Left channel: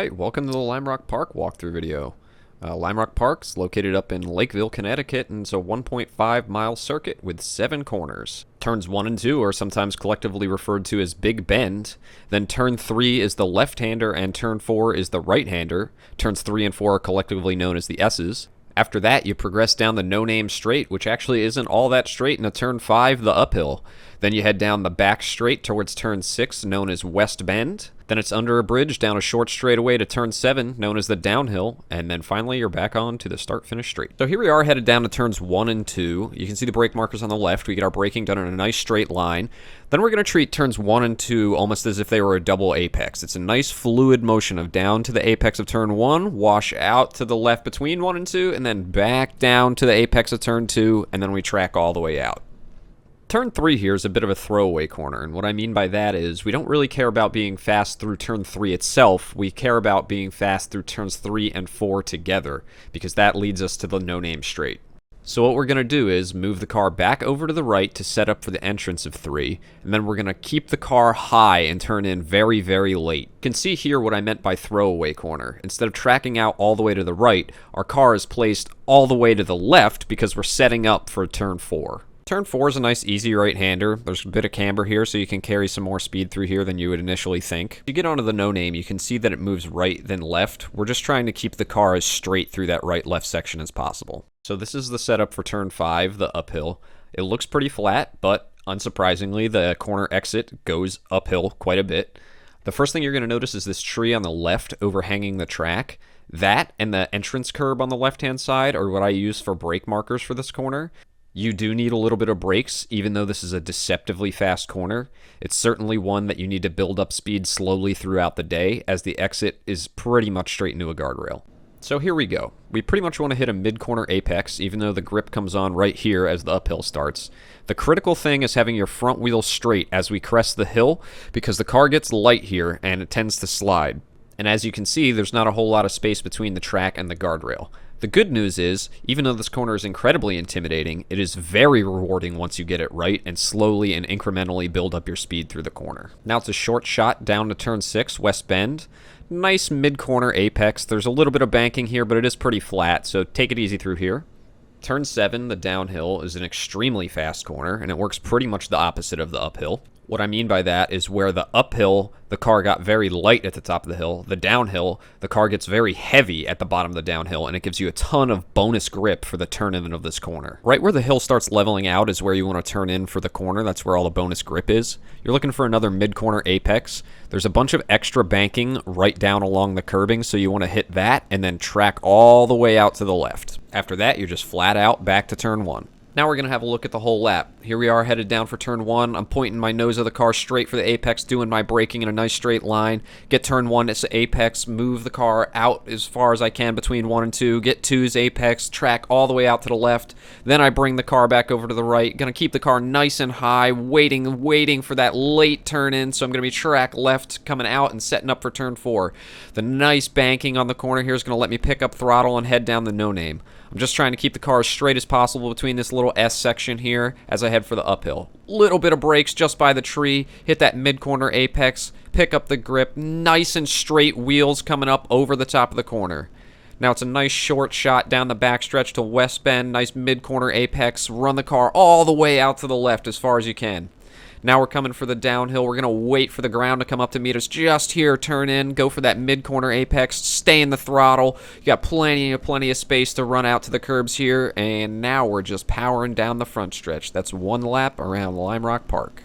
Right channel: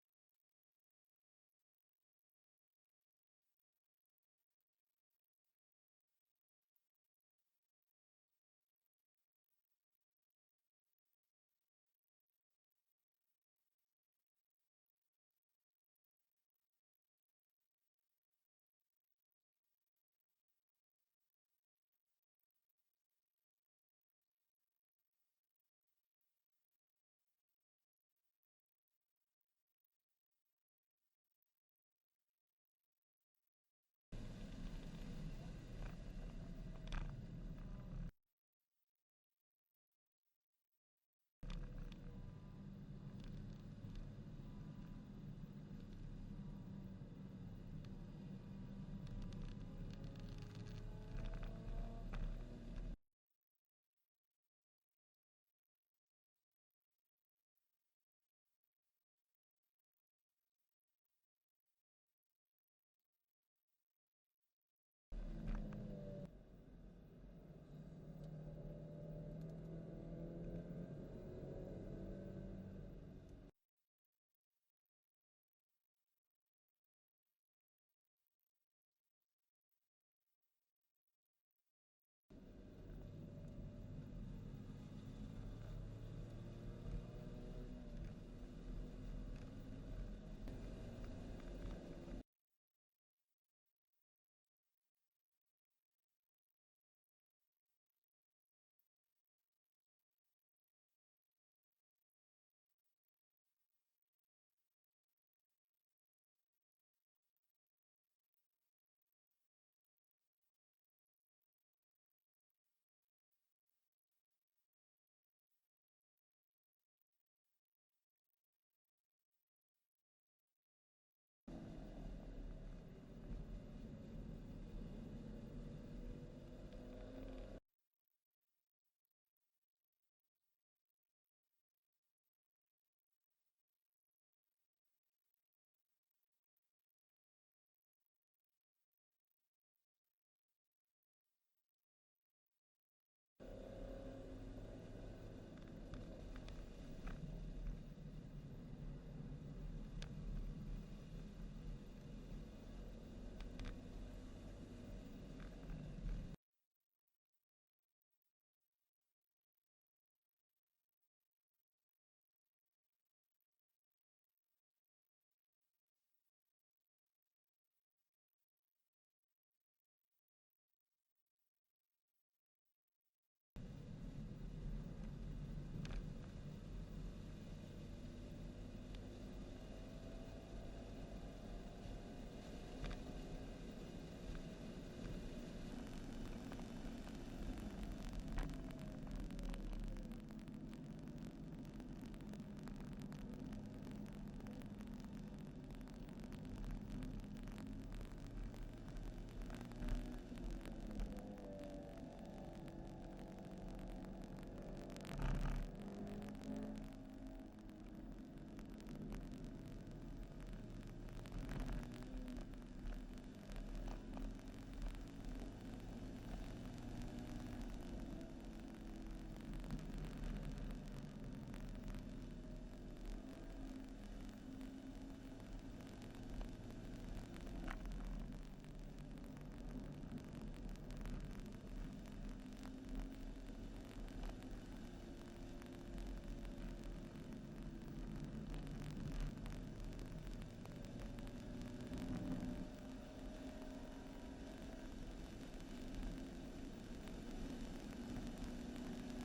Alright, welcome to the Lime Rock Park walkthrough video. Lime Rock Park's located up in Lakeville, Connecticut, and it's a 1.5 mile circuit with 7 corners. Turns 1 and 2 are sometimes collectively referred to as Big Bend. Then turn 3 is the left-hander and turn 4 is the right-hander. Turns 3 and 4 are collectively known as the S's. After that, you progress down the no-name straight, which actually isn't all that straight, and a turn 5, the uphill. Then you head down the back straight towards turn 6, known as West Bend. Then it's under a bridge down a short straightaway to turn 7, known as the downhill. And then finally, you're back on to the start-finish straight. So here we are headed down to turns 1 and 2. You can see the brake markers on the left. We get our braking done in a nice straight line. Then we're going to treat turns 1 and 2 almost as if they were a double apex. It's a nice fluid motion of down to the apex of turn 1, wash out to the left between 1 and 2, and then back down to the apex of turn 2, and then we track all the way out. Turn 3 here is a bit of a throwaway corner, and what I mean by that is we don't really care about being fast through turn 3 itself. We care about being fast through turns 3 and 4 together, because that leads us to the no-name straight. So what we're going to do is move the car back over to the right to set up for the entrance of 3, and then we're going to keep the car high and turn in very, very late. You can see here what I meant by throwaway corner. Instead of tracking out all the way to the right, our car is placed all the way to the left because we're setting up for turn 4. Turn 4 is a nice easy right-hander. There's a bit of camber here, so you can carry some more speed through here than you would initially think. If you get onto the no-name, you can see that it moves right then left. We're just trying to keep the car as straight through that right-left section as possible. So this is the setup for turn 5, the uphill. It looks pretty flat, but unsurprisingly, the corner exit goes uphill quite a bit. The first thing you're going to notice is this tree on the left overhanging the track. That and the entrance curb on the left-hand side are what I use for brake markers for this corner. You do need a little bit of brakes, even though this is a deceptively fast corner. It's certainly one that you need to build up speed slowly throughout the day, as the exit is pretty much straight into a guardrail. So here we go. We pretty much want to hit a mid-corner apex, even though the grip comes on right here as the uphill starts. The critical thing is having your front wheel straight as we crest the hill, because the car gets light here and it tends to slide. And as you can see, there's not a whole lot of space between the track and the guardrail. The good news is, even though this corner is incredibly intimidating, it is very rewarding once you get it right and slowly and incrementally build up your speed through the corner. Now it's a short shot down to turn 6, West Bend. Nice mid-corner apex. There's a little bit of banking here, but it is pretty flat, so take it easy through here. Turn 7, the downhill, is an extremely fast corner, and it works pretty much the opposite of the uphill. What I mean by that is where the uphill, the car got very light at the top of the hill. The downhill, the car gets very heavy at the bottom of the downhill, and it gives you a ton of bonus grip for the turn-in of this corner. Right where the hill starts leveling out is where you want to turn in for the corner. That's where all the bonus grip is. You're looking for another mid-corner apex. There's a bunch of extra banking right down along the curbing, so you want to hit that and then track all the way out to the left. After that, you're just flat out back to turn 1. Now we're going to have a look at the whole lap. Here we are headed down for turn 1. I'm pointing my nose of the car straight for the apex, doing my braking in a nice straight line. Get turn 1, it's the apex, move the car out as far as I can between 1 and 2. Get 2's apex, track all the way out to the left. Then I bring the car back over to the right. Going to keep the car nice and high, waiting for that late turn in. So I'm going to be track left, coming out and setting up for turn 4. The nice banking on the corner here is going to let me pick up throttle and head down the no-name. I'm just trying to keep the car as straight as possible between this little S section here as I head for the uphill. Little bit of brakes just by the tree, hit that mid-corner apex, pick up the grip, nice and straight wheels coming up over the top of the corner. Now it's a nice short shot down the backstretch to West Bend, nice mid-corner apex, run the car all the way out to the left as far as you can. Now we're coming for the downhill. We're going to wait for the ground to come up to meet us just here. Turn in, go for that mid-corner apex, stay in the throttle. You got plenty of space to run out to the curbs here. And now we're just powering down the front stretch. That's one lap around Lime Rock Park.